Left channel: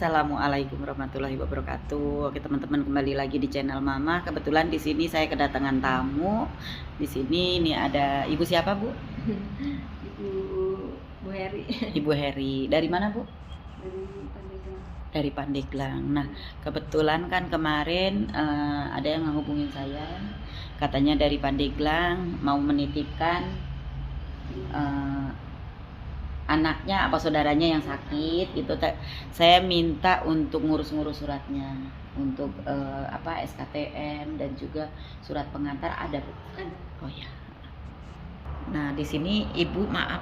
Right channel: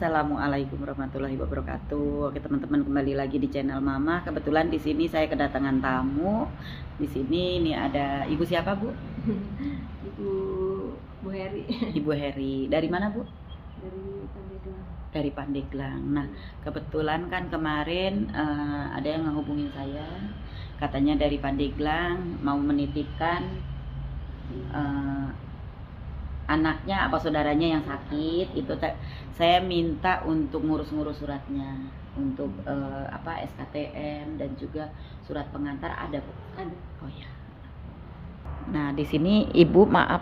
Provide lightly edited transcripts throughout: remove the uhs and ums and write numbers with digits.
Assalamualaikum warahmatullahi wabarakatuh. Oke teman-teman, kembali lagi di channel Mama. Kebetulan di sini saya kedatangan tamu. Di sini ini ada Ibu siapa, Bu? Ibu Heri. Ibu Heri. Dari mana, Bu? Dari Pandeglang. Dari Pandeglang. Nah, kebetulan kan kemarin ada yang menghubungin saya. Katanya dari Pandeglang mau menitipkan anaknya apa saudaranya yang sakit itu. Saya minta untuk ngurus-ngurus suratnya untuk SKTM dan juga surat pengantar ada, Bu? Ada. Oh ya. Nah, di sini Ibu, maaf,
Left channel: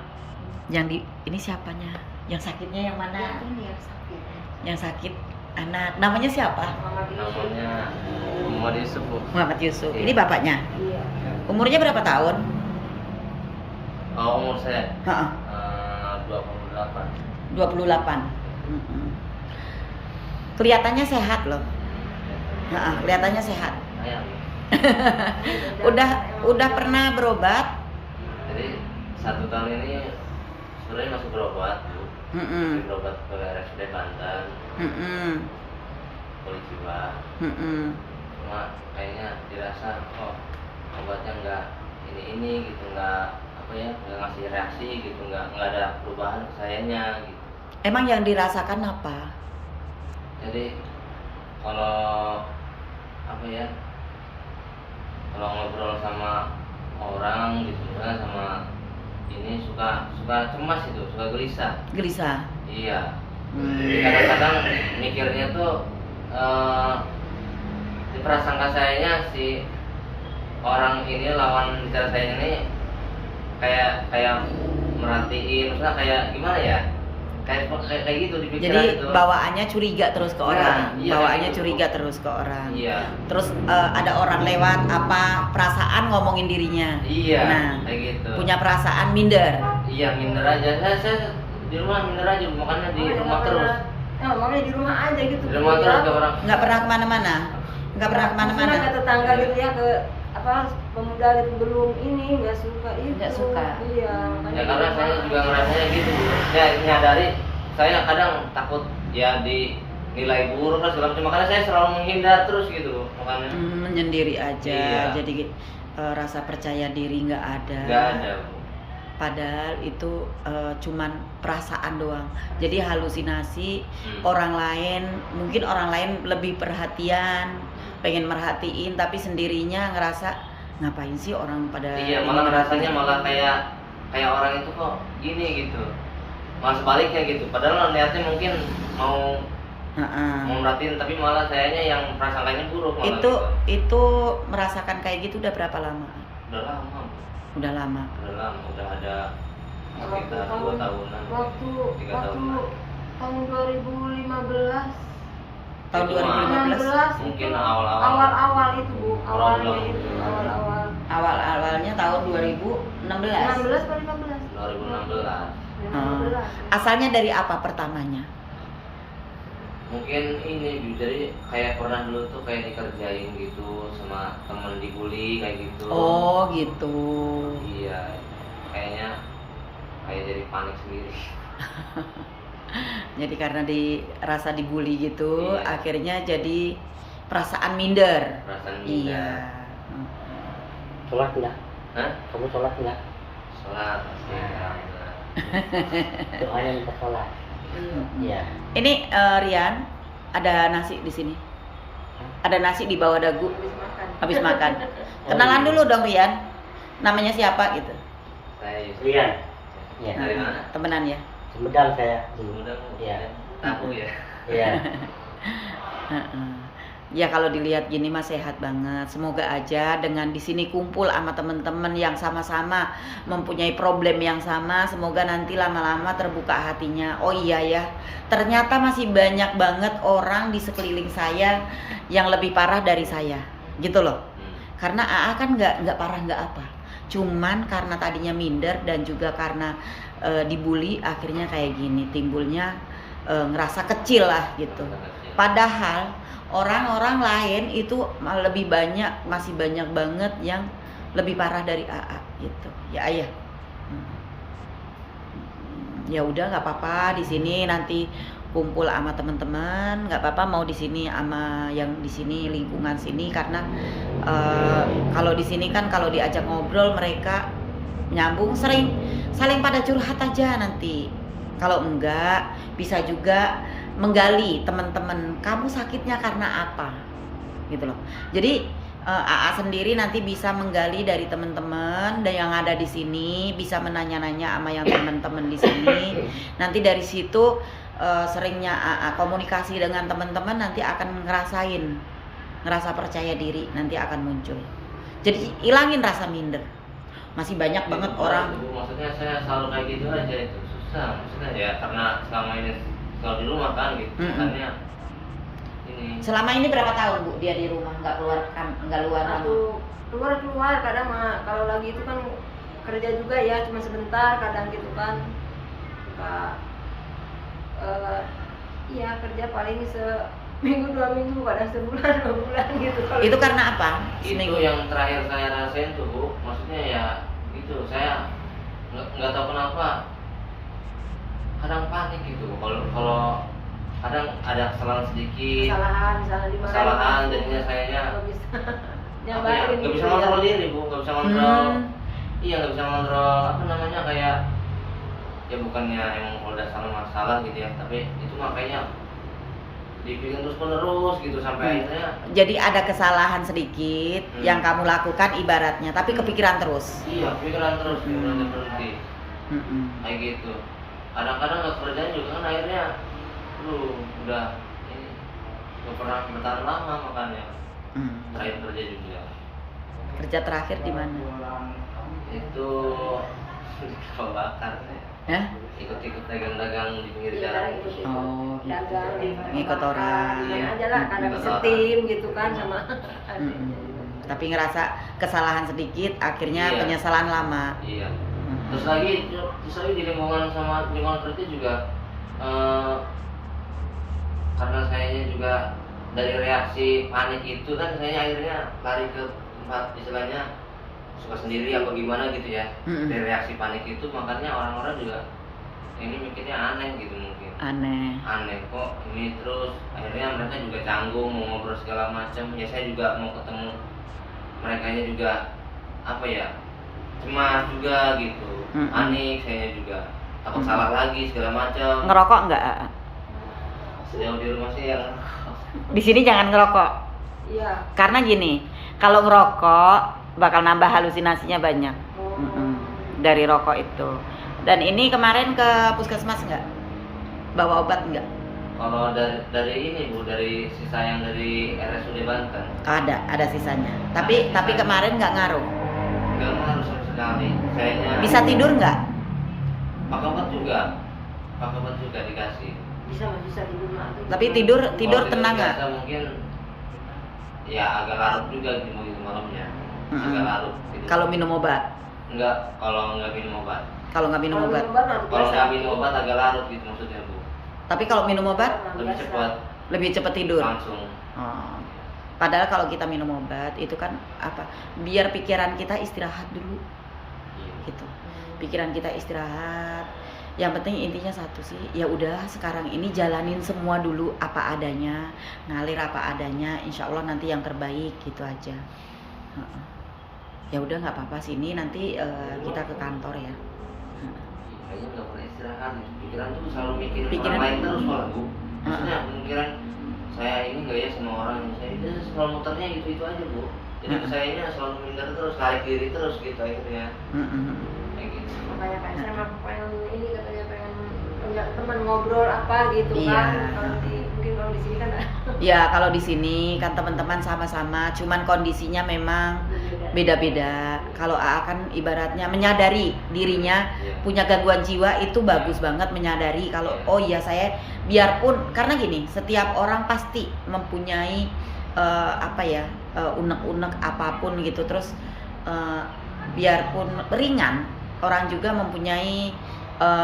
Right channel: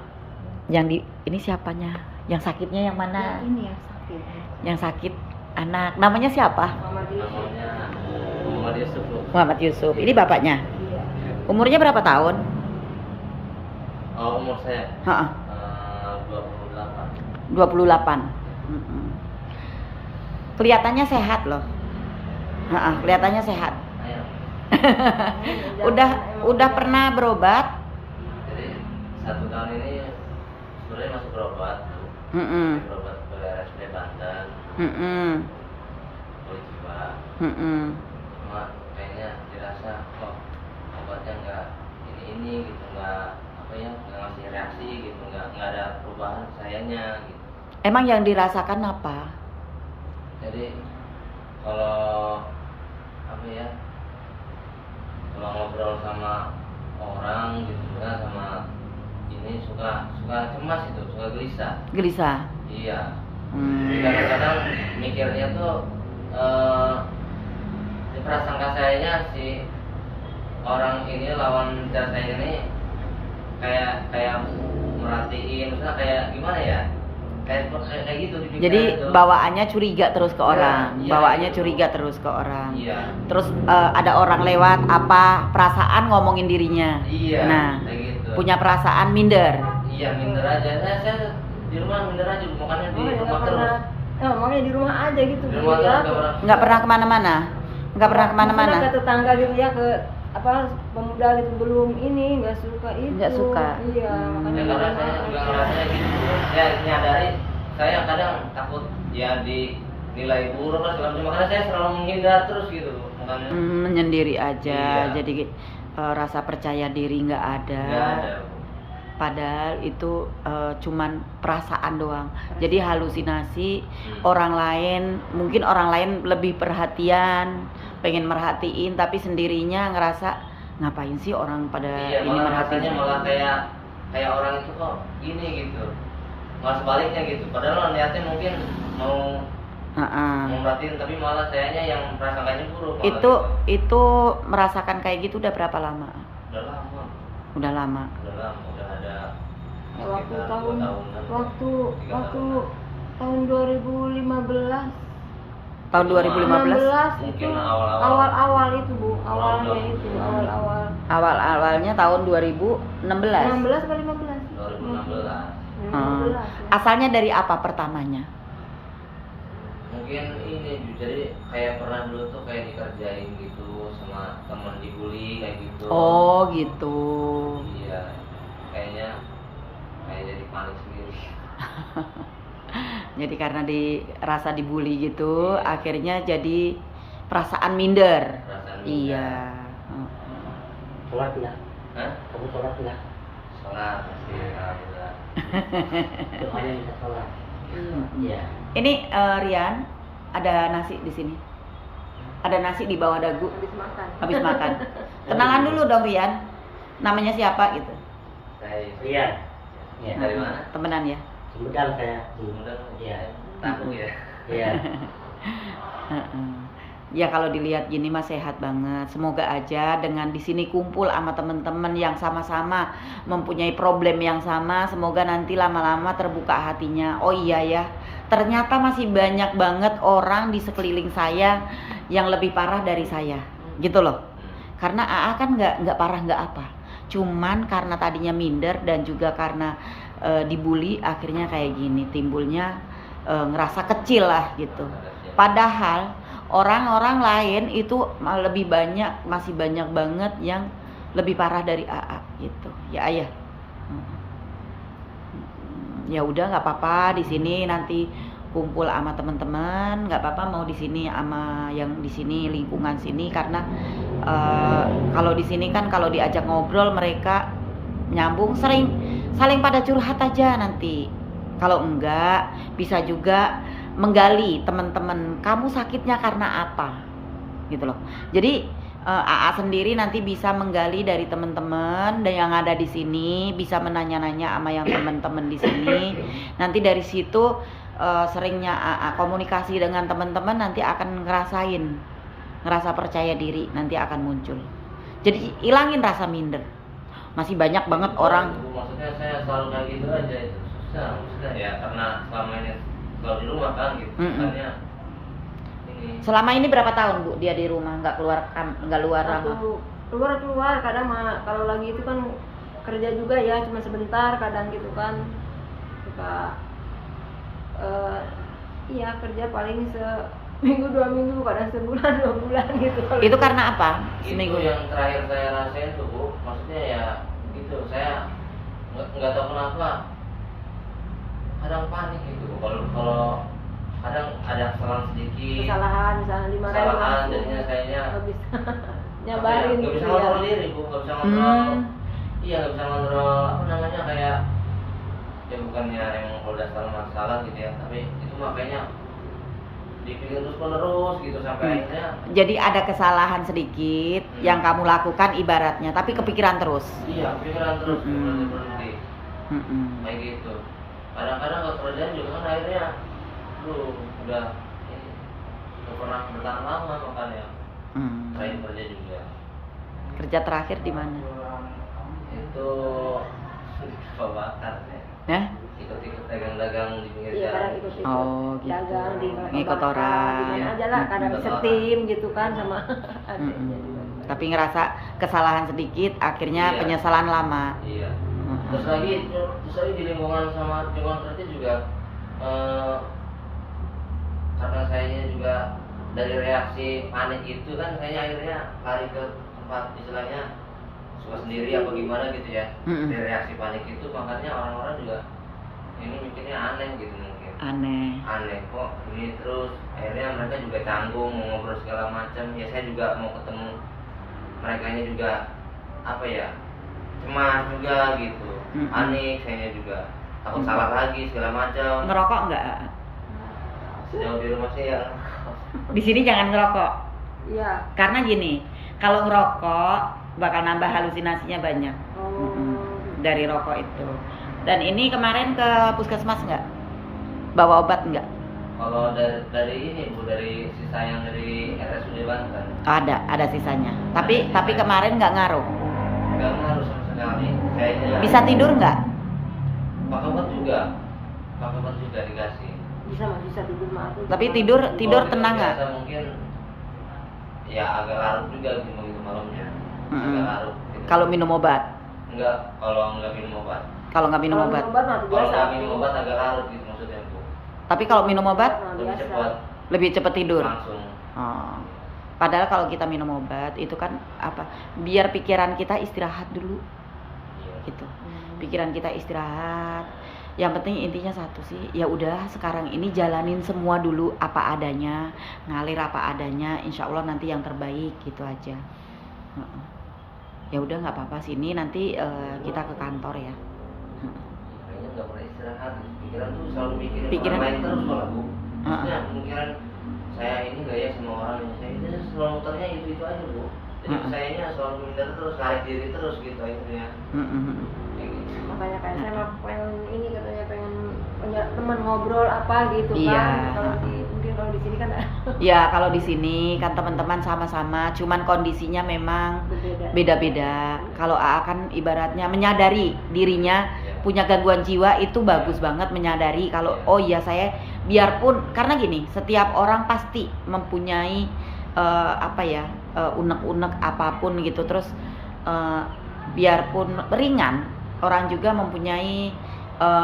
ini siapanya? Yang sakitnya yang mana? Ini yang sakit. Yang sakit anak. Namanya siapa? Namanya Muhammad Yusuf, Bu. Muhammad Yusuf. Ini bapaknya. Iya. Umurnya berapa tahun? Oh, umur saya Heeh. 28. 28. Kelihatannya sehat loh. Heeh, kelihatannya sehat. Ayah. Udah pernah berobat? Jadi 1 tahun ini sebenarnya masih berobat, Bu. Heeh. Masih berobat ke RSUD Banten, Heeh. polisi, Pak. Heeh. Cuma kayaknya dirasa obatnya nggak ini gitu, nggak ngasih reaksi gitu, nggak ada perubahan ke sayanya gitu. Emang yang dirasakan apa? Jadi kalau kalau ngobrol sama orang gitu, misalnya sama ini suka cemas itu, suka gelisah. Gelisah. Iya. Hmm. Kadang-kadang mikirnya tuh di prasangka sayanya si orang ini, lawan bicara saya ini kayak merhatiin, misalnya kayak gimana ya? Kayak gitu di pikiran. Jadi itu. bawaannya curiga terus ke orang. Iya, Bawaannya gitu. curiga terus ke orang. Iya. Terus ada orang lewat apa perasaan ngomongin dirinya. Iya. Nah, kayak gitu. punya perasaan minder. Iya, minder aja. Saya di rumah minder aja, makanya di rumah terus. Makanya di rumah aja gitu. Di rumah terus gak pernah. Nggak pernah kemana-mana. Nggak pernah kemana-mana. Ke tetangga gitu ya, ke pemuda gitu, belum ini nggak suka itu. Nggak suka. Iya. Ya karena saya juga ngerasanya gitu, Bu. Ya nyadari saya kadang takut ya dinilai buruk lah segala macam, makanya saya selalu menghindar terus gitu, makanya. Menyendiri aja. Iya. Jadi rasa percaya diri nggak ada. Nggak ada, Bu. Padahal itu cuman perasaan doang. Jadi halusinasi orang lain, mungkin orang lain lebih perhatian, pengen merhatiin, tapi sendirinya ngerasa ngapain sih orang pada Iya, ini malah merhatiin. rasanya malah kayak orang itu kok gini gitu. Malah sebaliknya gitu. Padahal niatnya mungkin mau merhatiin, tapi malah sayanya yang prasangkanya buruk. Malah Itu gitu. itu merasakan kayak gitu udah berapa lama? Udah lama. Udah lama. Udah ada sekitar 2 tahunan. Waktu 3 tahunan. tahun 2015. Tahun 2015. Mungkin awal-awal. Awal itu, Bu. Awal-awal. Awalnya itu, awal-awal. Awalnya tahun 2016. 16 atau 15? 2016. 2015. Asalnya dari apa pertamanya? Mungkin ini, jadi kayak pernah dulu tuh kayak dikerjain gitu sama temen, dibully kayak gitu. Oh, gitu. Iya, kayaknya kayak jadi panik sendiri. Jadi karena dirasa dibully gitu, Iya. akhirnya jadi perasaan minder. Perasaan Iya. Sholat enggak? Hah? Kamu sholat enggak? Sholat pasti, alhamdulillah. Doanya minta sholat. Iya. Ini Rian, ada nasi di sini. Ada nasi di bawah dagu. Habis makan. Kenalan dulu dong, Rian. Namanya siapa gitu? Saya Iya. Iya. Dari mana? Temenan ya. Sumedang saya dulu. Sumedang. Iya. Tamu ya. Iya. Heeh. Ya kalau dilihat gini mah sehat banget. Semoga aja dengan di sini kumpul sama teman-teman yang sama-sama mempunyai problem yang sama, semoga nanti lama-lama terbuka hatinya. Oh iya ya, ternyata masih banyak banget orang di sekeliling saya yang lebih parah dari saya, gitu loh. Karena AA kan nggak parah nggak apa, cuman karena tadinya minder dan juga karena dibully, akhirnya kayak gini, timbulnya ngerasa kecil lah gitu. Padahal orang-orang lain itu masih banyak banget yang lebih parah dari AA gitu. Ya ayah. Ya udah nggak apa-apa, di sini nanti kumpul sama teman-teman, nggak apa-apa mau di sini sama yang di sini lingkungan sini, karena kalau di sini kan kalau diajak ngobrol mereka nyambung, sering saling pada curhat aja nanti. Kalau enggak bisa juga menggali teman-teman, kamu sakitnya karena apa gitu loh. Jadi AA sendiri nanti bisa menggali dari teman-teman dan yang ada di sini, bisa menanya-nanya sama yang teman-teman di sini. Nanti dari situ seringnya AA komunikasi dengan teman-teman, nanti akan ngerasa percaya diri, nanti akan muncul. Jadi hilangin rasa minder. Masih banyak banget orang. Bu, maksudnya saya selalu kayak gitu aja, itu susah maksudnya ya, karena selama ini selalu di rumah kan gitu. Makanya ini. Selama ini berapa tahun Bu dia di rumah, nggak keluar rumah? Keluar kadang kalau lagi itu kan kerja juga ya, cuma sebentar kadang gitu kan. Suka iya kerja paling seminggu 2 minggu, kadang sebulan 2 bulan gitu. Itu karena apa? Seminggu yang terakhir saya rasain tuh Bu, maksudnya ya gitu, saya nggak tahu kenapa kadang panik gitu. Kalau kadang ada kesalahan sedikit, kesalahan jadinya sayanya apa ya, nggak bisa ngontrol diri Bu, nggak bisa ngontrol. Iya, nggak bisa ngontrol apa namanya, kayak ya bukannya emang kalau udah salah masalah gitu ya, tapi itu makanya dipikirin terus menerus gitu sampai akhirnya. Jadi ada kesalahan sedikit yang kamu lakukan ibaratnya, tapi kepikiran terus. Iya, kepikiran terus, berhenti. Kayak gitu. Kadang-kadang nggak kerjaan juga kan akhirnya lu udah ini nggak pernah bertahan lama, makanya terakhir kerja juga. Kerja terakhir di mana? Itu kapal bakar ya. Ikut-ikut dagang-dagang di pinggir jalan. Oh gitu. Dagang di Ngikut orang. Iya aja lah, karena setim gitu kan sama. Tapi ngerasa kesalahan sedikit, akhirnya penyesalan lama. Iya. Terus lagi di lingkungan kerja juga. Karena sayanya juga dari reaksi panik itu kan, saya akhirnya lari ke tempat istilahnya suka sendiri apa gimana gitu ya. Dari reaksi panik itu makanya orang-orang juga ini mikirnya aneh gitu, mungkin aneh kok ini, terus akhirnya mereka juga canggung mau ngobrol segala macam ya. Saya juga mau ketemu mereka juga apa ya, cemas juga gitu, panik saya juga, takut salah lagi segala macam. Ngerokok enggak? Sejauh di rumah sih yang di sini jangan ngerokok. Iya. Karena gini, kalau ngerokok bakal nambah halusinasinya banyak dari rokok itu. Dan ini kemarin ke puskesmas nggak? Bawa obat nggak? Kalau dari ini Bu, dari sisa yang dari RSUD Banten. Ada sisanya. Tapi kemarin nggak ngaruh. Nggak ngaruh sama sekali. Kayaknya. Bisa tidur nggak? Pakai obat juga dikasih. Bisa tidur mah. Tapi tidur tenang nggak? Mungkin ya agak larut juga gitu malamnya. Agak larut. Kalau minum obat? Enggak, kalau nggak minum obat. Kalau nggak minum obat? Kalau nggak minum obat agak larut gitu maksudnya Bu. Tapi kalau minum obat? Lebih cepat tidur. Langsung. Oh. Padahal kalau kita minum obat itu kan apa? Biar pikiran kita istirahat dulu. Iya. Gitu. Pikiran kita istirahat. Yang penting intinya satu sih, ya udah sekarang ini jalanin semua dulu apa adanya, ngalir apa adanya, insya Allah nanti yang terbaik gitu aja. Ya udah nggak apa-apa, sini nanti kita ke kantor ya. Kayaknya nggak pernah istirahat, pikiran tuh selalu mikirin Pikiran. orang lain terus malah Bu. Maksudnya mikiran saya ini nggak ya sama orang yang saya, dia selalu muternya itu aja Bu. Jadi sayanya selalu minder terus, narik diri terus gitu akhirnya. Kayak gitu. Kayak saya pengen ini, katanya pengen punya teman ngobrol apa gitu Iya. kan. Mungkin kalau di sini kan Ya kalau di sini kan teman-teman sama-sama, cuman kondisinya memang beda-beda. Kalau AA kan ibaratnya menyadari dirinya punya gangguan jiwa, itu bagus banget menyadari kalau oh iya saya, biarpun karena gini, setiap orang pasti mempunyai unek-unek apapun gitu. Terus biarpun ringan, orang juga mempunyai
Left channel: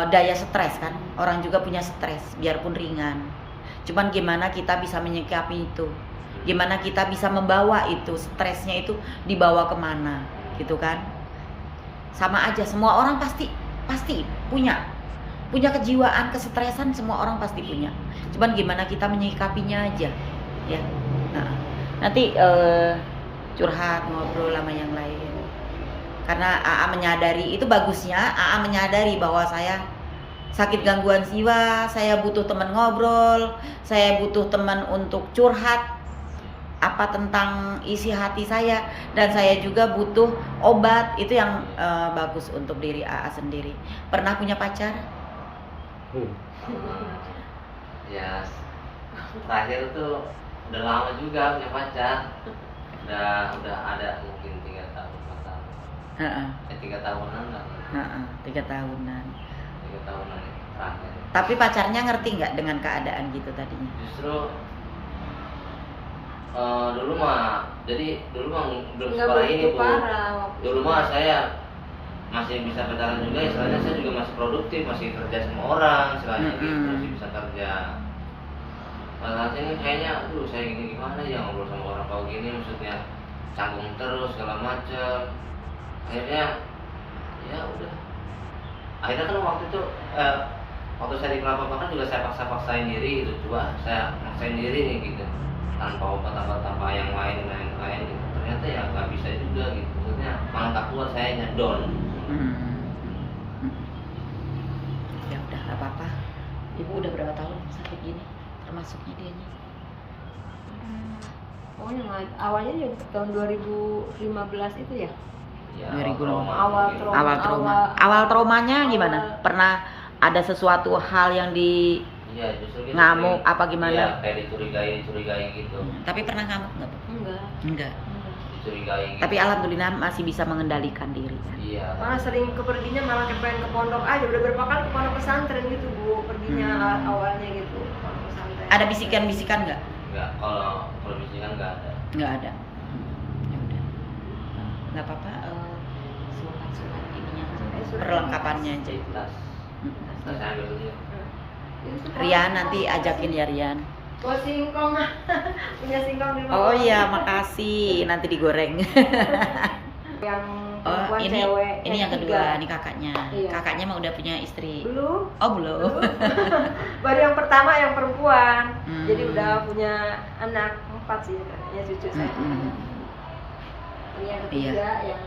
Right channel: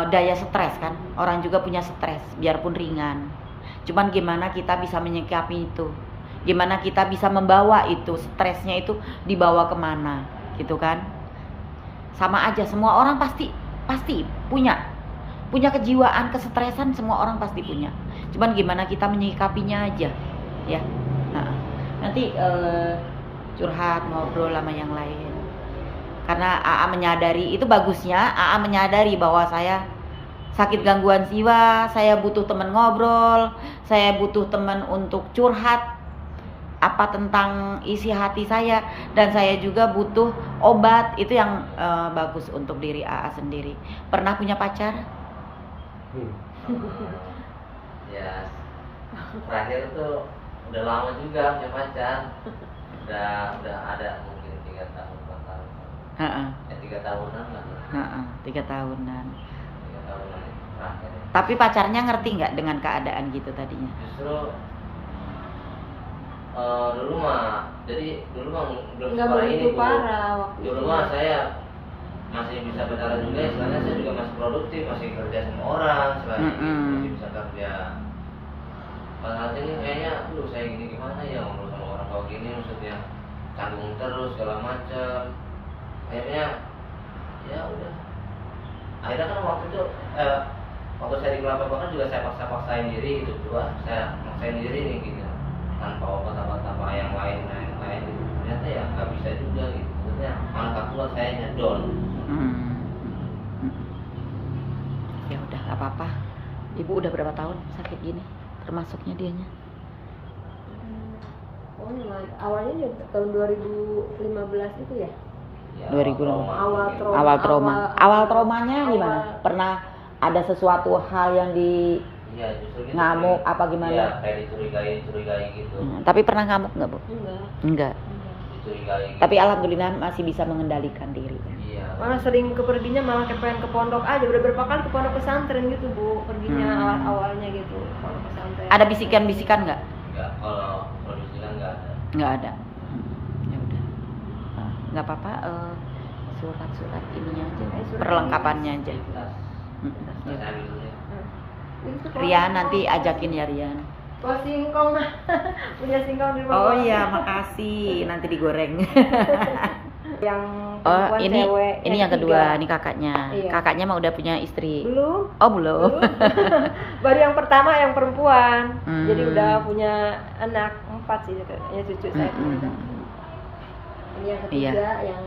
daya stres kan. Orang juga punya stres biarpun ringan. Cuman gimana kita bisa menyikapi itu, gimana kita bisa membawa itu, stresnya itu dibawa kemana gitu kan. Sama aja, semua orang pasti punya kejiwaan kesetresan, semua orang pasti punya. Cuman gimana kita menyikapinya aja, ya. Nanti curhat ngobrol sama yang lain. Karena AA menyadari, itu bagusnya AA menyadari bahwa saya sakit gangguan jiwa, saya butuh teman ngobrol, saya butuh teman untuk curhat apa tentang isi hati saya, dan saya juga butuh obat. Itu yang bagus untuk diri AA sendiri. Pernah punya pacar? Ya terakhir tuh udah lama juga punya pacar, udah ada mungkin 3 tahun 4 tahun. 3 tahunan nggak? 3 tahunan. 3 tahunan terakhir. Tapi pacarnya ngerti nggak dengan keadaan gitu tadinya? Justru dulu mah belum Nggak separah ini begitu Bu. parah waktu Dulu itu. mah saya masih bisa bertahan juga, istilahnya saya juga masih produktif, masih kerja sama orang selain itu, masih bisa kerja. Saat ini kayaknya, aduh saya gini gimana ya ngobrol sama orang kalau gini, maksudnya canggung terus segala macam. Akhirnya ya udah. Akhirnya kan waktu itu waktu saya di Kelapa kan juga saya paksain diri gitu, coba saya maksain diri nih gitu, tanpa obat-obat yang lain gitu. Ternyata ya nggak bisa juga gitu, maksudnya malah tak kuat, saya nyedon. Ya udah nggak apa-apa. Ibu udah berapa tahun sakit gini? Termasuknya dianya? Pokoknya awalnya juga tahun 2015 itu ya. Ya, 2015. Awal trauma. Awal traumanya awal- gimana? Pernah ada sesuatu hal yang di Iya, justru gitu, ngamuk kayak- apa gimana? Iya, kayak dicurigai gitu. Tapi pernah ngamuk nggak, Bu? Enggak. Enggak. Dicurigai. Gitu. Tapi alhamdulillah masih bisa mengendalikan diri ya. Iya. Karena sering keperginya malah kayak pengen ke pondok aja, udah berapa kali ke pondok pesantren gitu Bu, perginya awalnya gitu. Pesantren. Ada bisikan-bisikan nggak? Enggak, kalau produksi kan enggak ada. Nggak ada. Ya udah. Nggak apa-apa. Surat-surat ininya aja, perlengkapannya aja. Tas. Tas Ya. saya dulu ya. Rian nanti ajakin ya Rian. Buat singkong. Punya singkong di rumah. Oh iya, makasih. Nanti digoreng. Yang Oh, perempuan, ini cewek, ini yang kedua, tiga. ini kakaknya. Iya. Kakaknya mah udah punya istri. Belum. Oh, belum. Baru yang pertama yang perempuan. Hmm. Jadi udah punya anak 4 sih, ya cucu saya. Ini yang ketiga Iya. yang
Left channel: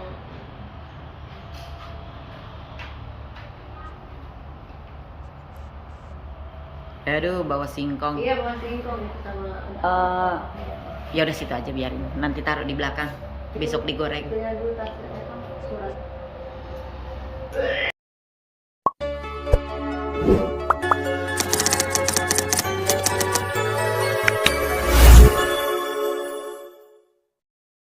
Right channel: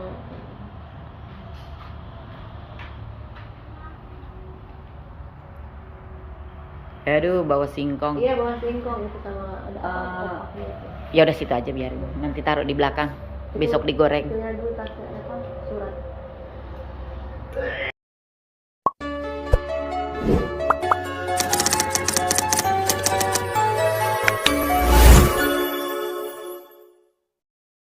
Aduh, bawa singkong. iya bawa singkong itu sama ada. Ya udah situ aja biarin. Nanti taruh di belakang. Besok digoreng. Punya dulu tasnya surat.